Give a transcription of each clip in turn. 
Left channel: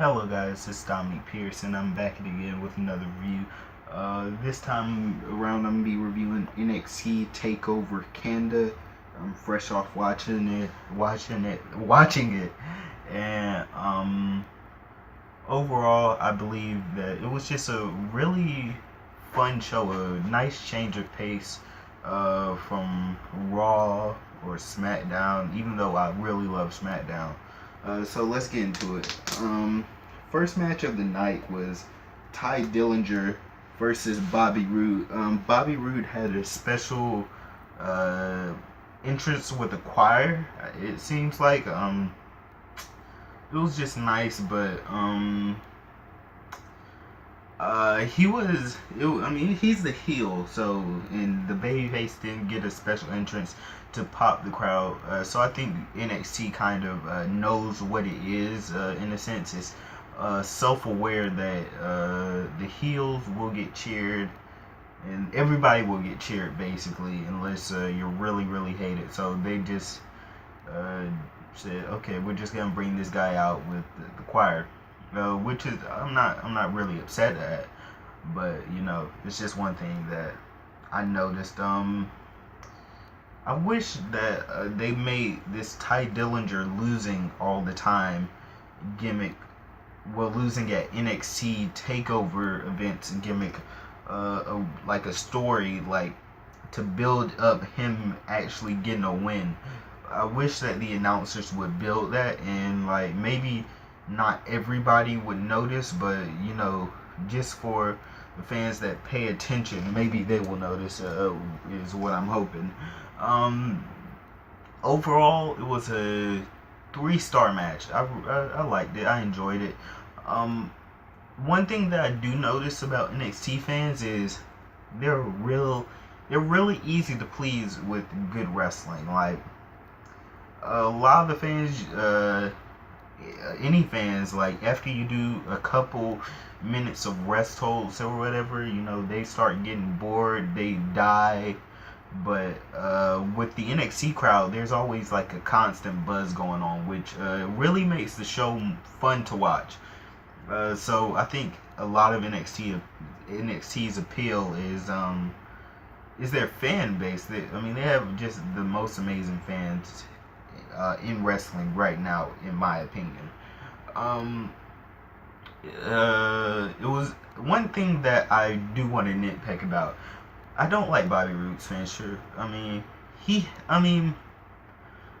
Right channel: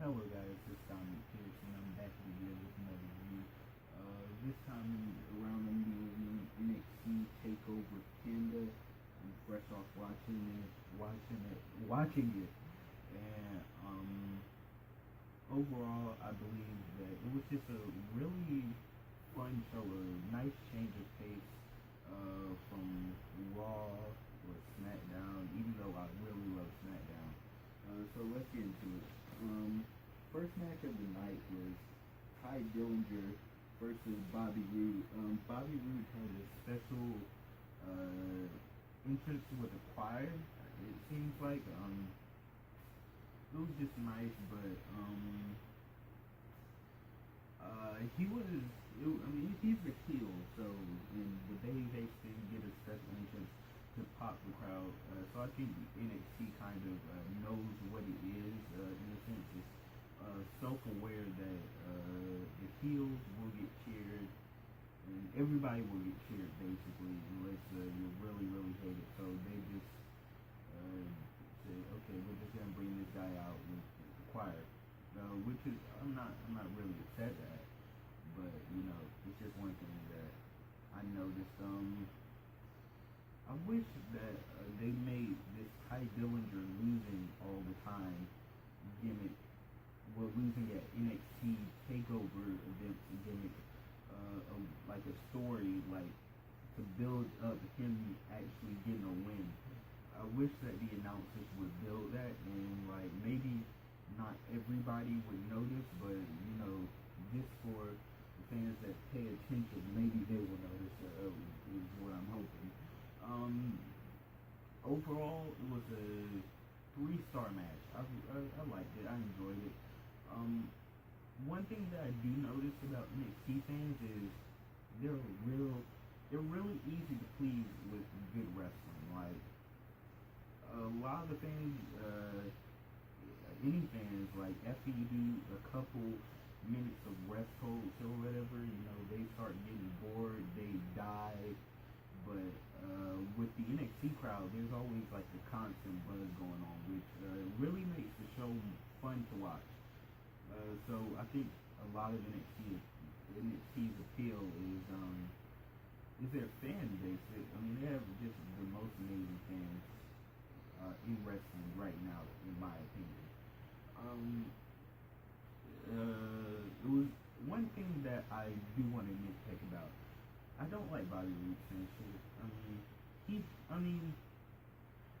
Hello guys, it's Dominic Pierce and I'm back again with another review. This time around I'm going to be reviewing NXT Takeover Canada. I'm fresh off watching it, and overall I believe that it was just a really fun show, a nice change of pace from Raw or SmackDown, even though I really love SmackDown. So let's get into it. First match of the night was Ty Dillinger versus Bobby Roode. Bobby Roode had a special uh, entrance with the choir. It seems like it was just nice, but he was. I mean, he's the heel, so and the babyface didn't get a special entrance to pop the crowd. So I think NXT kind of knows what it is. In a sense, it's self-aware that the heels will get cheered, and everybody will get cheered basically, unless you're really really hated. So they just uh, said, okay, we're just gonna bring this guy out with the choir, which is I'm not really upset at, but it's just one thing that I noticed. I wish that they made this Ty Dillinger losing all the time gimmick, well, losing at NXT Takeover events gimmick, like a story, like to build up him actually getting a win. I wish that the announcers would build that, and like maybe not everybody would notice, but just for the fans that pay attention, maybe they will notice. Is what I'm hoping. Um, Overall, it was a three-star match. I liked it. I enjoyed it. Um, One thing that I do notice about NXT fans is they're real. They're really easy to please with good wrestling. Like a lot of the fans, any fans, like after you do a couple minutes of rest holds or whatever, they start getting bored. They die. But with the NXT crowd, there's always like a constant buzz going on, which really makes the show fun to watch. So I think a lot of NXT's appeal is their fan base. I mean, they have just the most amazing fans in wrestling right now, in my opinion. Um, it was one thing that I do want to nitpick about. I don't like Bobby Roode's finisher. I mean,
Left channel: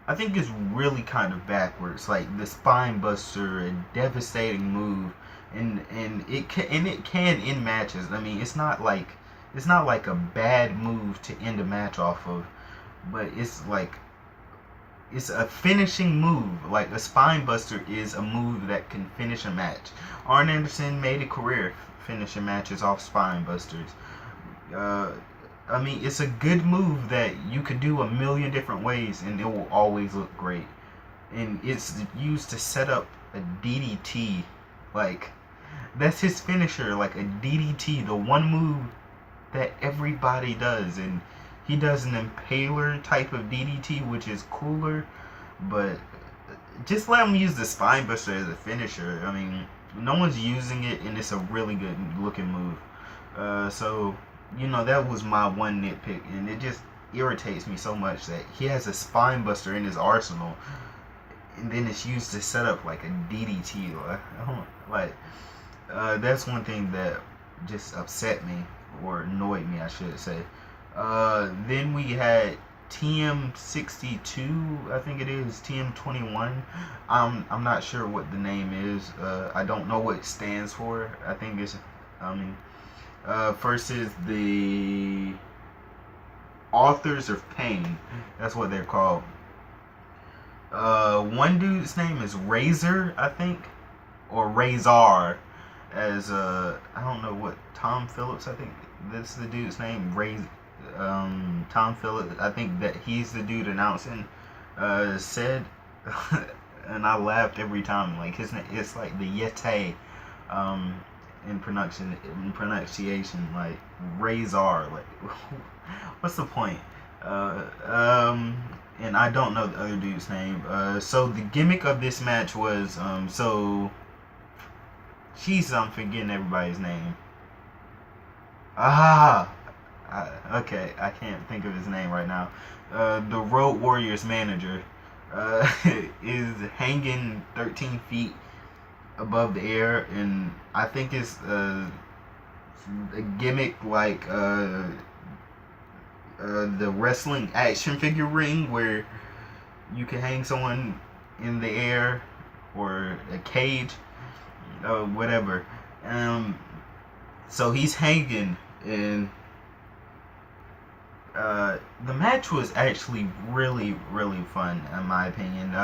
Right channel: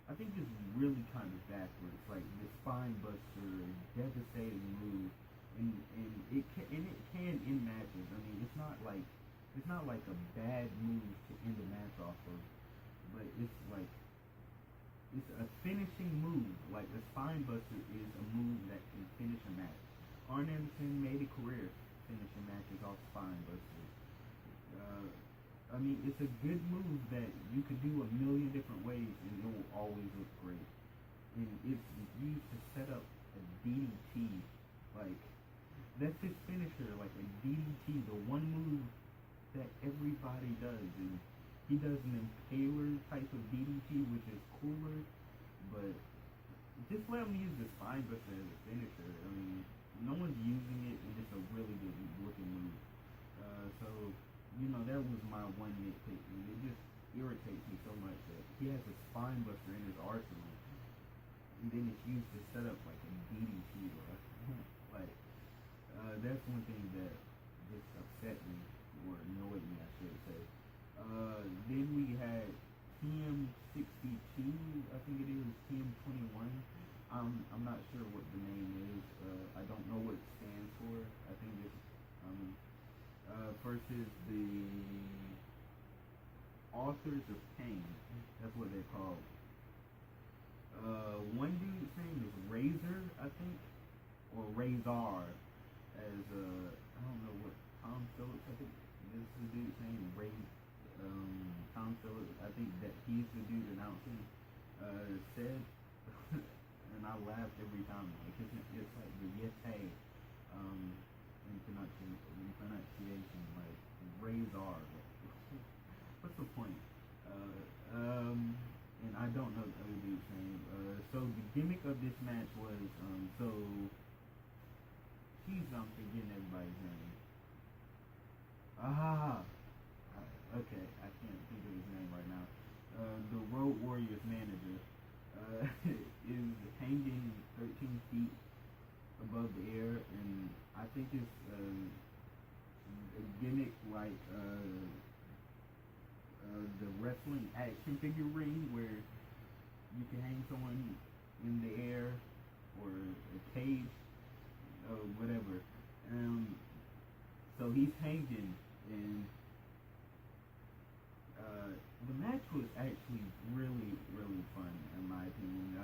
I think it's really kind of backwards. Like the spine buster, a devastating move, and it can end matches. I mean, it's not like a bad move to end a match off of, but it's a finishing move. Like a spine buster is a move that can finish a match. Arn Anderson made a career finishing matches off spine busters. Uh, I mean, it's a good move that you could do a million different ways and it will always look great. And it's used to set up a DDT. Like, that's his finisher, like a DDT, the one move that everybody does. And he does an impaler type of DDT, which is cooler, but just let him use the spine buster as a finisher. I mean, no one's using it, and it's a really good looking move. So that was my one nitpick, and it just irritates me so much that he has a spine buster in his arsenal, and then it's used to set up like a DDT. Like, that's one thing that just upset me or annoyed me, I should say. Then we had TM62, I think it is TM21. I'm not sure what the name is. I don't know what it stands for. I think it's versus the Authors of Pain. That's what they're called. One dude's name is Razor, I think, or Razor, as I don't know what Tom Phillips. I think that's the dude's name. Tom Phillips. I think that he's the dude announcing. Said, and I laughed every time. Like his name, it's like the Yeti. Um, in pronunciation, like Razor, like what's the point? Uh, um, and I don't know the other dude's name. So the gimmick of this match was so Jesus, I'm forgetting everybody's name. Ah, okay, I can't think of his name right now. The Road Warriors manager is hanging 13 feet above the air, and I think it's a gimmick like the wrestling action figure ring where you can hang someone in the air or a cage, whatever. Um, so he's hanging, and the match was actually really, really fun in my opinion.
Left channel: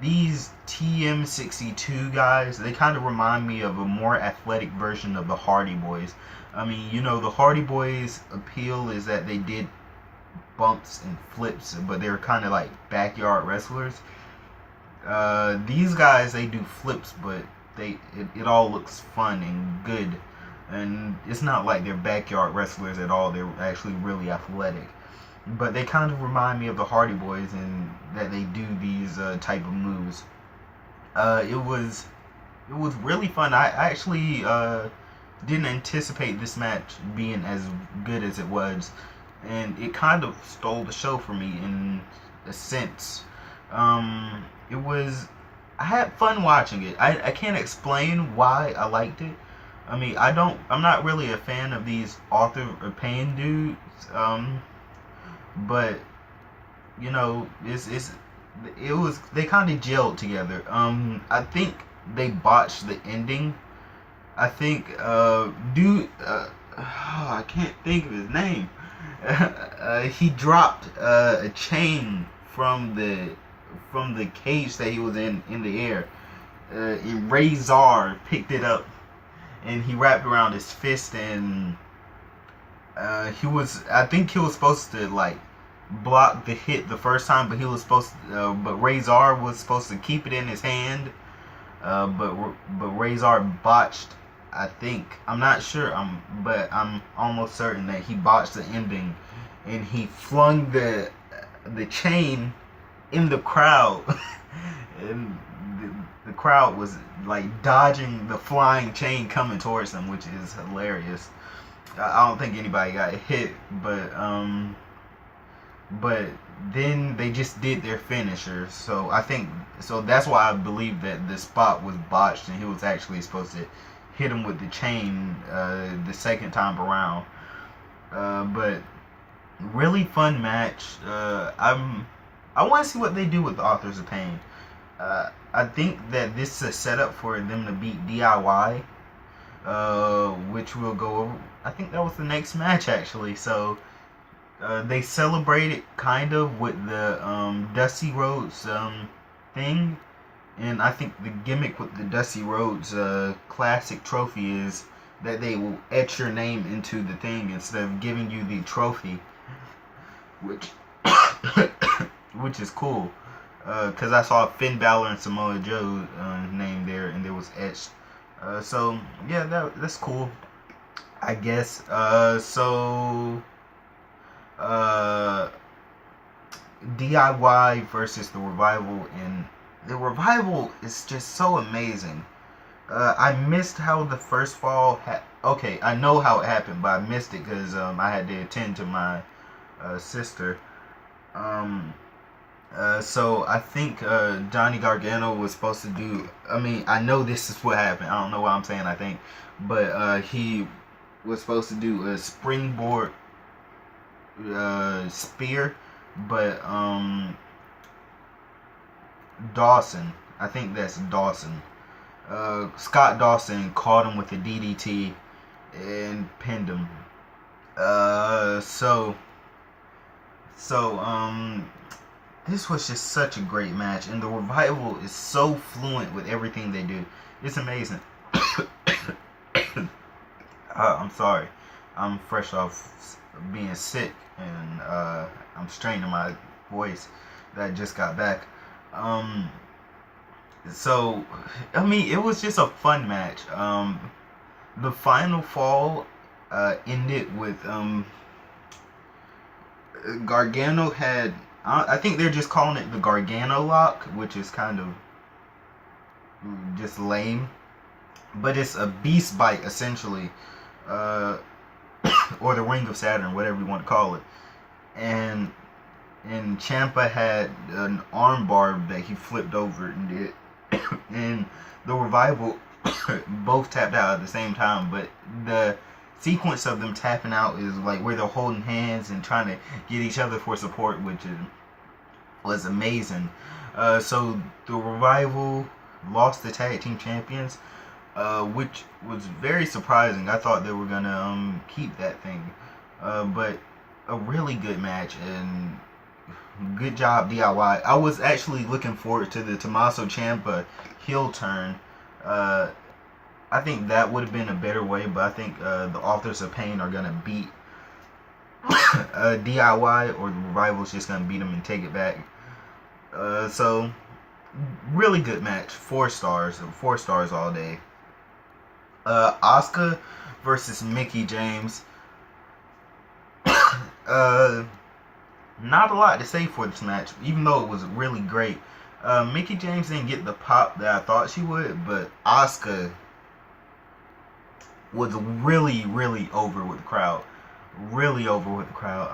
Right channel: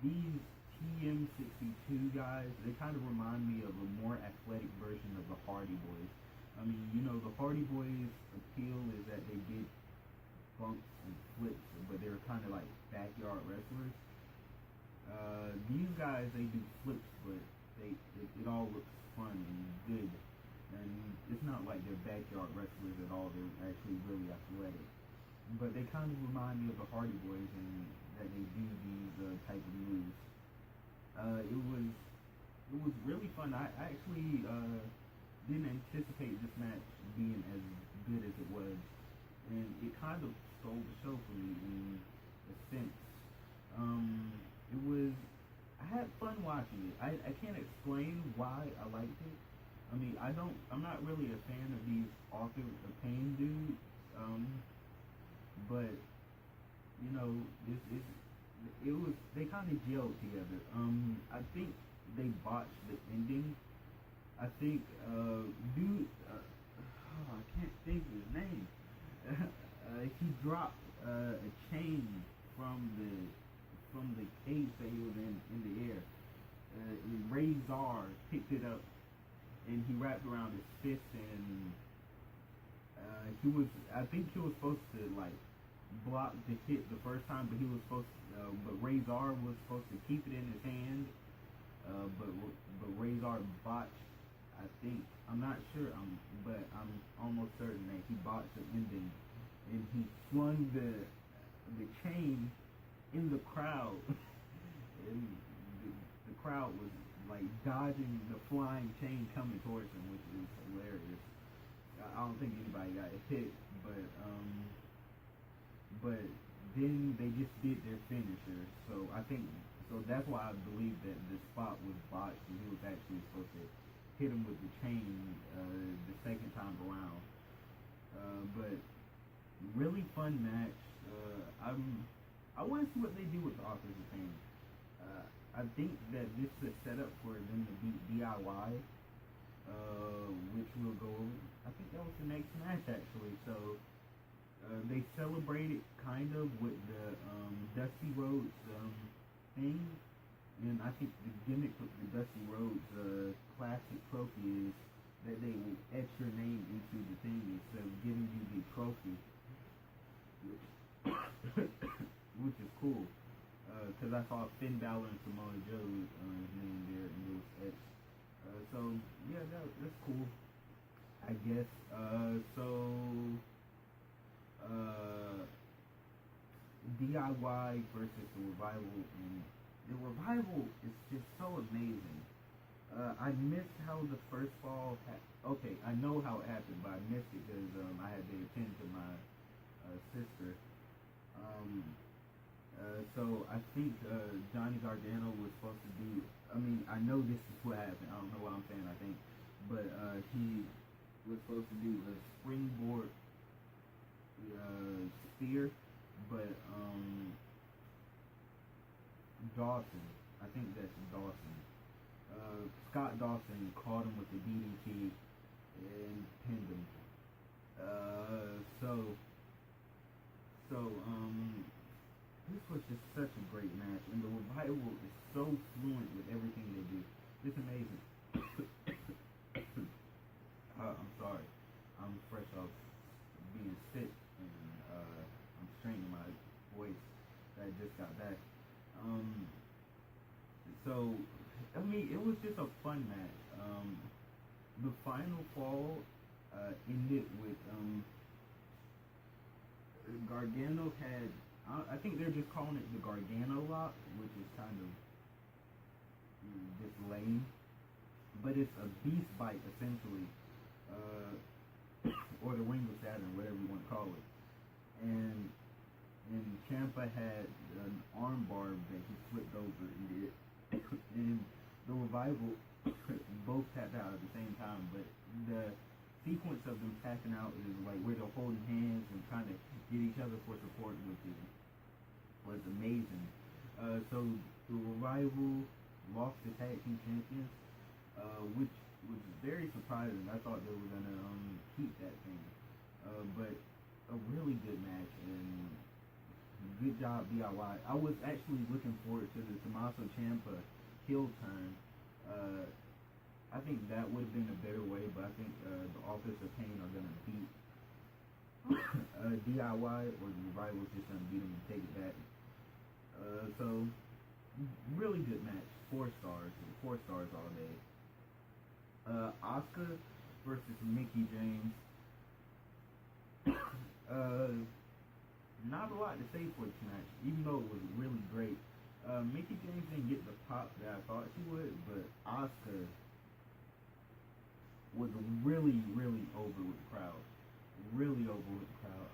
These TM62 guys, they kind of remind me of a more athletic version of the Hardy Boys. I mean, you know, the Hardy Boys' appeal is that they did bumps and flips, but they're kind of like backyard wrestlers. These guys, they do flips, but it all looks fun and good, and it's not like they're backyard wrestlers at all. They're actually really athletic, but they kind of remind me of the Hardy Boys in that they do these type of moves. It was really fun. I actually didn't anticipate this match being as good as it was, and it kind of stole the show for me in a sense. It was I had fun watching it. I can't explain why I liked it. I mean, I'm not really a fan of these author or pain dudes. But you know, it was they kind of gelled together. I think they botched the ending. I think dude, I can't think of his name. He dropped a chain from the cage that he was in the air. And Razor picked it up and he wrapped around his fist, and I think he was supposed to like block the hit the first time, but but Razor was supposed to keep it in his hand. But Razor botched. I think I'm not sure. But I'm almost certain that he botched the ending, and he flung the chain in the crowd, and the crowd was like dodging the flying chain coming towards them, which is hilarious. I don't think anybody got hit, but then they just did their finisher. So I think that's why I believe that the spot was botched, and he was actually supposed to hit him with the chain the second time around. But really fun match. I want to see what they do with the Authors of Pain. I think that this is a setup for them to beat DIY, which we'll go over. I think that was the next match actually. So they celebrated kind of with the Dusty Rhodes thing, and I think the gimmick with the Dusty Rhodes Classic trophy is that they will etch your name into the thing instead of giving you the trophy, which which is cool. Because I saw Finn Balor and Samoa Joe name there, and it was etched. So yeah, that's cool, I guess. DIY versus the Revival, and the Revival is just so amazing. I missed how the first fall okay, I know how it happened, but I missed it because I had to attend to my sister. So I think Johnny Gargano was supposed to do. I mean, I know this is what happened. I don't know why I'm saying I think, but he was supposed to do a springboard spear, but Dawson, I think that's Dawson. Scott Dawson caught him with a DDT and pinned him. So this was just such a great match, and the Revival is so fluent with everything they do. It's amazing. I'm sorry. I'm fresh off being sick, and I'm straining my voice that I just got back. So, I mean, it was just a fun match. The final fall ended with Gargano had. I think they're just calling it the Gargano lock, which is kind of just lame. but it's a beast bite essentially, uh, or the Ring of Saturn, whatever you want to call it. And Ciampa had an armbar that he flipped over and did, and the Revival both tapped out at the same time. But the sequence of them tapping out is like where they're holding hands and trying to get each other for support, which was amazing. So the Revival lost the tag team champions, which was very surprising. I thought they were gonna keep that thing, but a really good match and good job DIY. I was actually looking forward to the Tommaso Ciampa heel turn. Uh, I think that would have been a better way, but I think the Authors of Pain are gonna beat DIY, or the Revival's just gonna beat them and take it back. So really good match. 4 stars. 4 stars all day. Asuka versus Mickie James. Not a lot to say for this match, even though it was really great. Mickie James didn't get the pop that I thought she would, but Asuka was really, really over with the crowd. Really over with the crowd.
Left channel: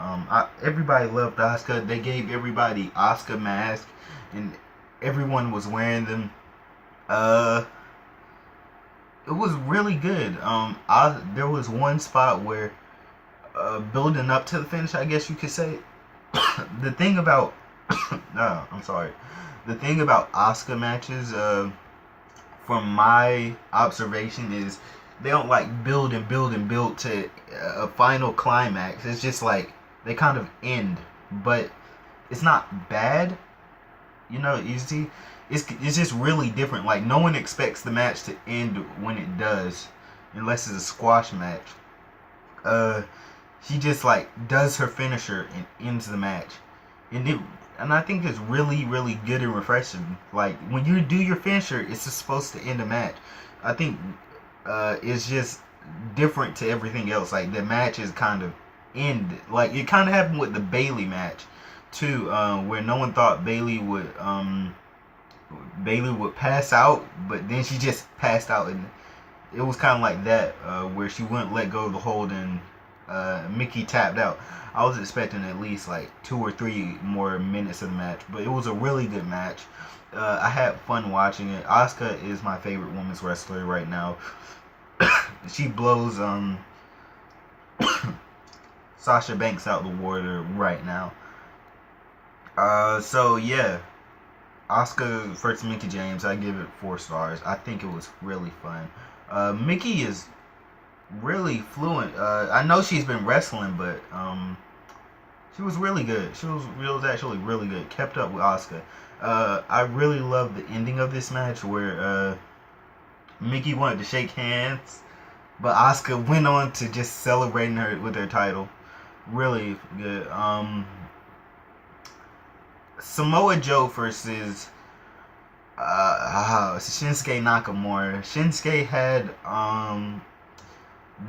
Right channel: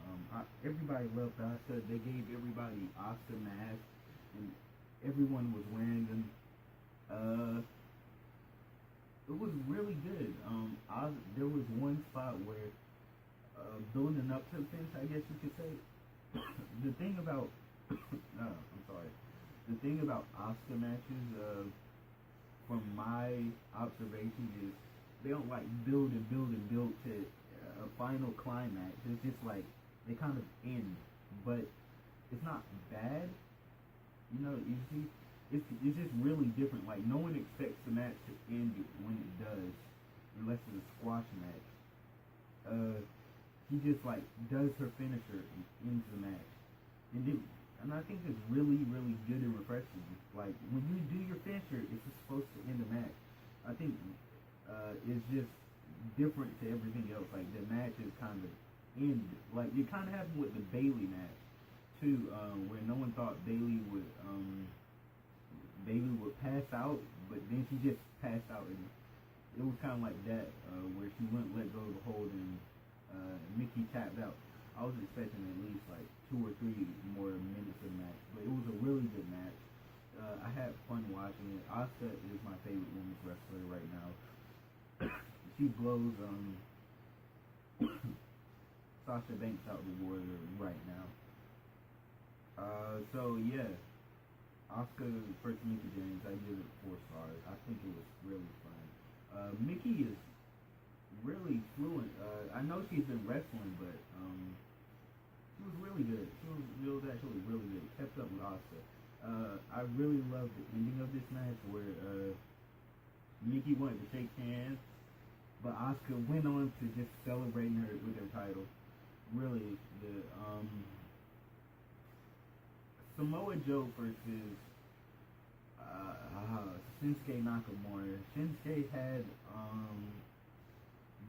Everybody loved Asuka. They gave everybody Asuka masks, and everyone was wearing them. It was really good. There was one spot where, building up to the finish, I guess you could say. The thing about, no, I'm sorry. The thing about Asuka matches, from my observation, is they don't like build and build and build to a final climax. It's just like they kind of end, but it's not bad. You see, it's just really different. Like no one expects the match to end when it does, unless it's a squash match. She just like does her finisher and ends the match, and I think it's really, really good and refreshing. Like when you do your finisher, it's just supposed to end a match. I think it's just different to everything else. Like the match is kind of ended. Like it kind of happened with the Bayley match too, where no one thought Bayley would pass out, but then she just passed out, and it was kind of like that, where she wouldn't let go of the hold, and Mickie tapped out. I was expecting at least like 2 or 3 more minutes of the match, but it was a really good match. I had fun watching it. Asuka is my favorite women's wrestler right now. She blows Sasha Banks out the water right now. So yeah, Asuka versus Mickie James. I give it 4 stars. I think it was really fun. Mickie is really fluent. I know she's been wrestling, but she was really good. She was actually really good. Kept up with Asuka. I really love the ending of this match where Mickie wanted to shake hands, but Asuka went on to just celebrating her with her title. Really good. Samoa Joe versus Shinsuke Nakamura. Shinsuke had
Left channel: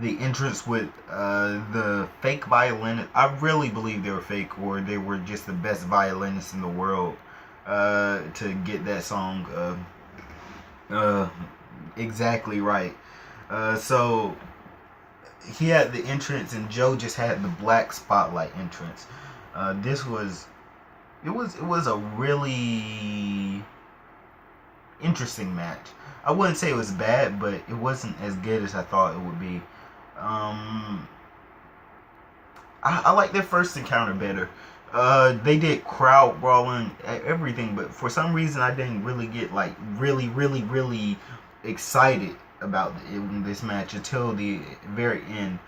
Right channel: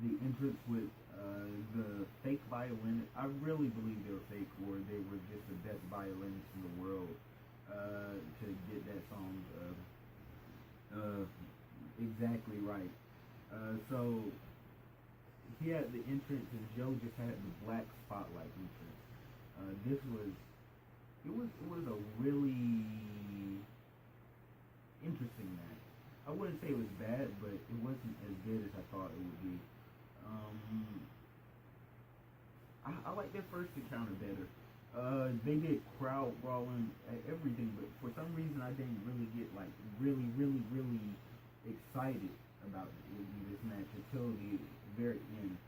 the entrance with the fake violinist. I really believe they were fake, or they were just the best violinists in the world to get that song exactly right. So he had the entrance, and Joe just had the black spotlight entrance. This was it was a really interesting match. I wouldn't say it was bad, but it wasn't as good as I thought it would be. I like their first encounter better. They did crowd brawling, everything, but for some reason I didn't really get like really, really, really excited about this match until the very end.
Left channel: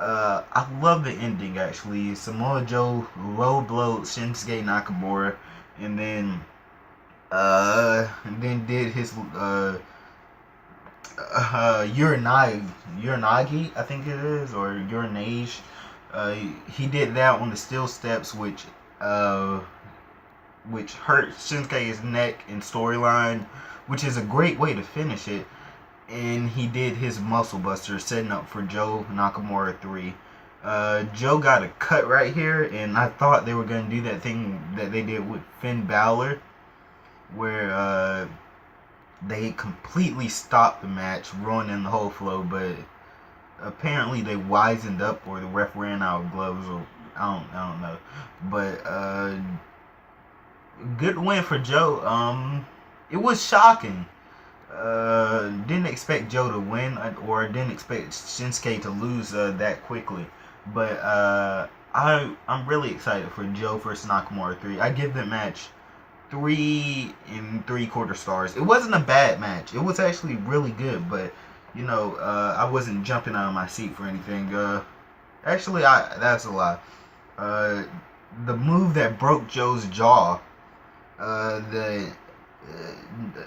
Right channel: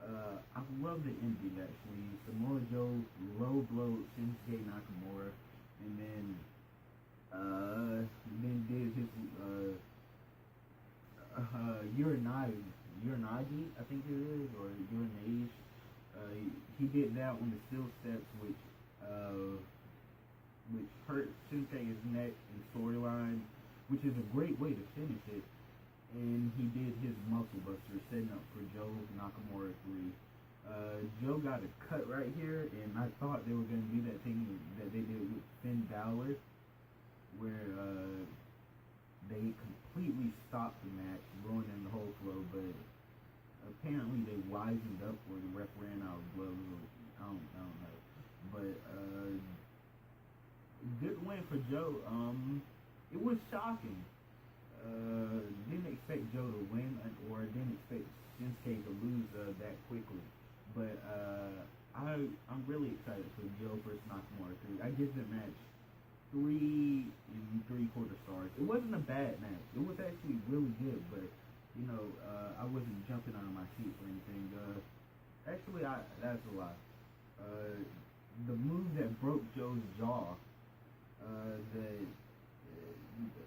I love the ending actually. Samoa Joe low blowed Shinsuke Nakamura, and then did his Uranagi, I think it is, or Uranage. He did that on the steel steps, which hurt Shinsuke's neck and storyline, which is a great way to finish it. And he did his muscle buster, setting up for Joe Nakamura 3. Joe got a cut right here, and I thought they were going to do that thing that they did with Finn Balor, where they completely stopped the match, ruining the whole flow. But apparently they wisened up, or the ref ran out of gloves, or I don't know. But good win for Joe. It was shocking. Didn't expect Joe to win, or didn't expect Shinsuke to lose that quickly. But I'm really excited for Joe versus Nakamura 3. I give that match 3 and 3/4 stars. It wasn't a bad match. It was actually really good, but I wasn't jumping out of my seat for anything. Actually, that's a lie. Uh, the move that broke Joe's jaw, the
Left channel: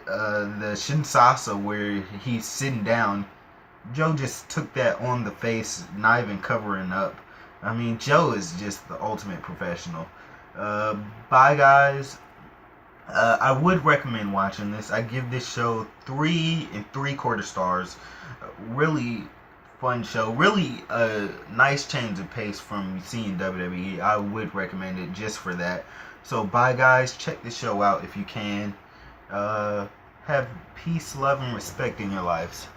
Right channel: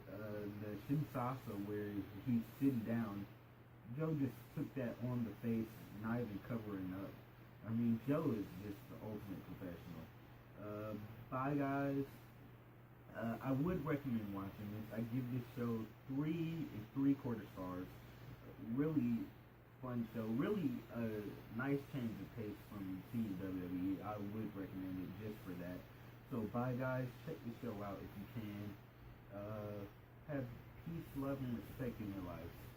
the Shinsasa where he's sitting down. Joe just took that on the face, not even covering up. I mean, Joe is just the ultimate professional. Bye, guys. I would recommend watching this. I give this show 3 and 3/4 stars. Really fun show. Really a nice change of pace from seeing WWE. I would recommend it just for that. So bye, guys. Check the show out if you can. Uh, have peace, love, and respect in your lives.